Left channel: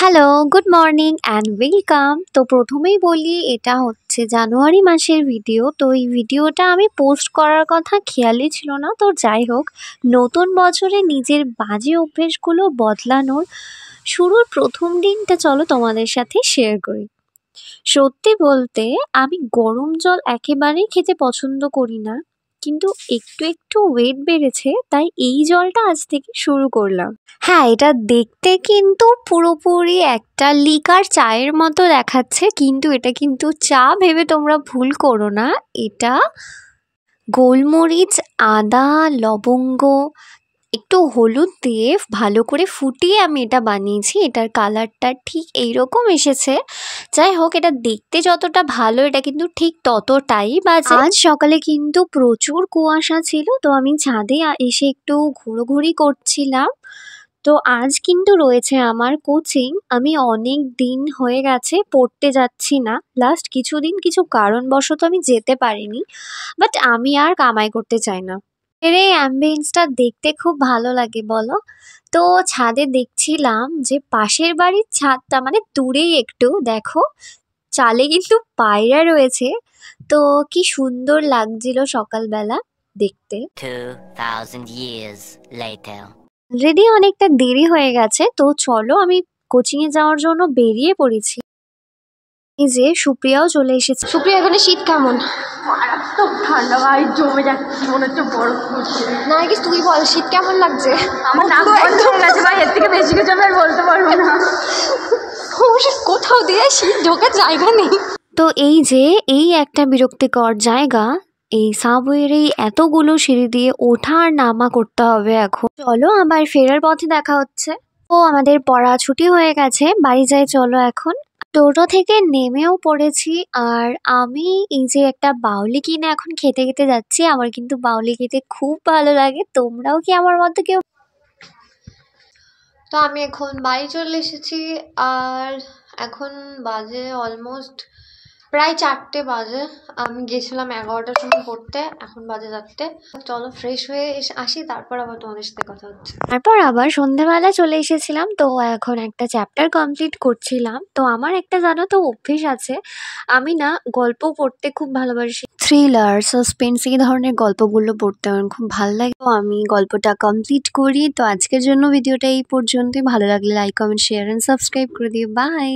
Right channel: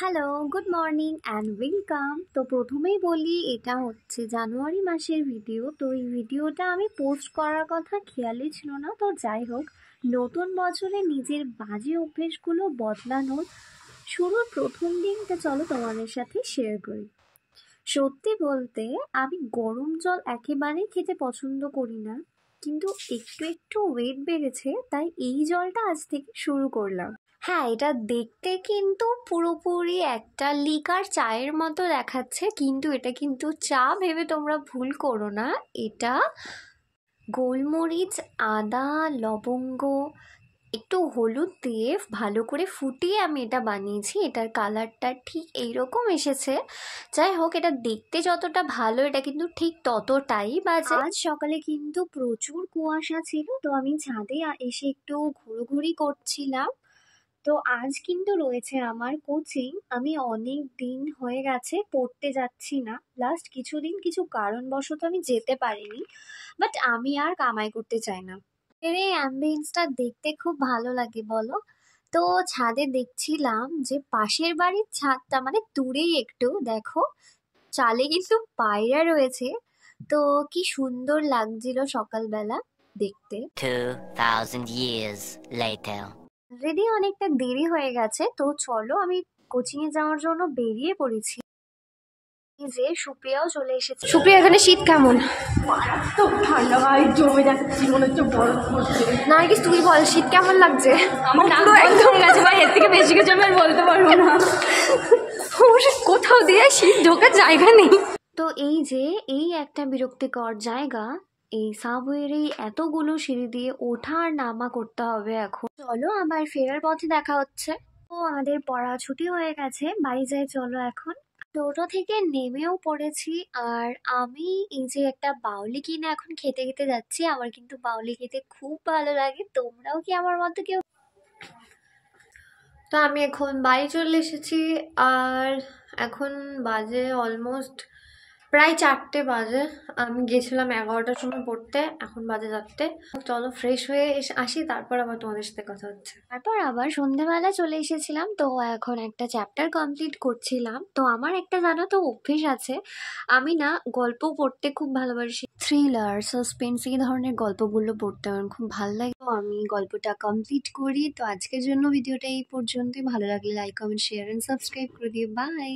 Hello, good morning and welcome. তো প্রথমেই বলি এটা হচ্ছে জানুয়ারি মাসের ভিডিও। তো এই ভিডিওটা আমি পোস্ট করার কথা খেয়ালই ছিল না। তো যাই হোক, নতুন বছরে নিজের বাজে অভ্যেসগুলো বদলানোর শুরুর প্রথম দিনটা চলো তোমাদের সাথে শেয়ার করি। সত্যি বলতে আমি গরম জল একেবারেই খেতে পছন্দ করি না, কিন্তু একটু একটু ওয়েট বেড়েছে তাই এই জলটা আজ থেকে শুরু করলাম। হ্যাঁ, এটা দেখতে কিন্তু পুরোপুরি একটা লিকার চায়ের মতো দেখাচ্ছে, কিন্তু এটা কিন্তু চা ভেবে তোমরা ভুল করো না। এটা গোলমরিচ, আদা, লবঙ্গ, একটু হলুদ দিয়ে ভালো করে ফুটিয়ে আমি এটা বানিয়েছি। এটার কালারটা ঠিক এইরকম এসেছে। যাই হোক, এটা দেখতে যতটা ভালো এটা কিন্তু ঠিক ততটাই বাজে। আজ সকালে কিন্তু প্রচুর কুয়াশা ছিল, তো আমি ছাদে এসে একটু ঘোরাঘুরি করছিলাম। তো আজ কিন্তু রয়েছে আমার কোচিং। আমি অনেক দিন হয়ে গেছে পড়তে যাচ্ছি না। লাস্ট কিছুদিন কিছু কারণবশত আমি যেতে পারিনি, বাট আমি আর কামাই করতে চাই না। এর এই অ্যাম্বিয়েন্সটা দেখতে খুব ভালো লাগে বলো। তো ছাদে দেখছিলাম যে পাশের বাড়ির ছাদটা মানে দূরেই একটু দেখো, চালে কিন্তু পায়রা রয়েছে। তো কি সুন্দর লাগছিল সকালবেলা দেখতে। 2000 years later. অলরেডি অনেকটা দেরি হয়ে গেছে, তো চলো আমি কোচিংয়ে যাওয়ার জন্য বেরিয়ে পড়েছি। এই যে সুপ্রিয়াও চলে এসেছে। সুপ্রিয়া, এখানে শীত কেমন? মারাত্মক ঠান্ডা ভাই, জমে যাচ্ছে, মনে হচ্ছে বরফ পড়ছে। না কি তুই বল, শীত কেমন লাগছে? আমার নাক বন্ধ হয়ে গেছে ভাই, এর থেকে বেশি কিছু আমি আর বলতে পারবো না। কোথাও দিয়ে শীত ঢোকার জায়গা নেই। তো এই যে এই একটা বিরক্তিকর জায়গা, এই সাবওয়ের এই এতগুলো সিঁড়ি দিয়ে ওঠা আর নামা করতে হবে এখন। চলো আবার ফেরার পথে দেখা হচ্ছে। ও আমাদের পড়া ছুটি হয়ে গেছে, বাড়ি যাই চলো এখন। টোটো থেকে নেমেও পড়েছি। আর আমি এই যে একটা বাউলি কিনে এখন খেতে খেতে যাচ্ছি। আমার কিন্তু বাউলি খেতে খুব ভালো লাগে। তোমরাও কি আমার মতো কেউ? তো আমি এখন বাড়ি চলে এসেছি। আর এখন বাজে অলমোস্ট প্রায় 4টে বাজে। আমি গেছিলাম 11টার সময় পড়তে, এখন বাজে 4টে। চলো ফ্রেশ হয়ে আসি, তারপর আবার তোমাদের সাথে কথা হচ্ছে। তারপর আবার সন্ধ্যেবেলা চলে এসেছিলাম। তো এখন একটা চ্যাপ্টার কমপ্লিট করছিলাম। তো আমার একটা জানো তো অভ্যেস আছে, আমি না গল্প পড়তে খুব ভালোবাসি। থ্রিলার, সাসপেন্স এই ধরনের গল্পগুলো পড়তে আমার খুব ভালো লাগে। তো আমি গল্পটা কমপ্লিট করি। তো আজকের জন্য ভিডিওটা এই পর্যন্তই। ভালো লাগলে like, comment, share and subscribe করে দিও। বাই।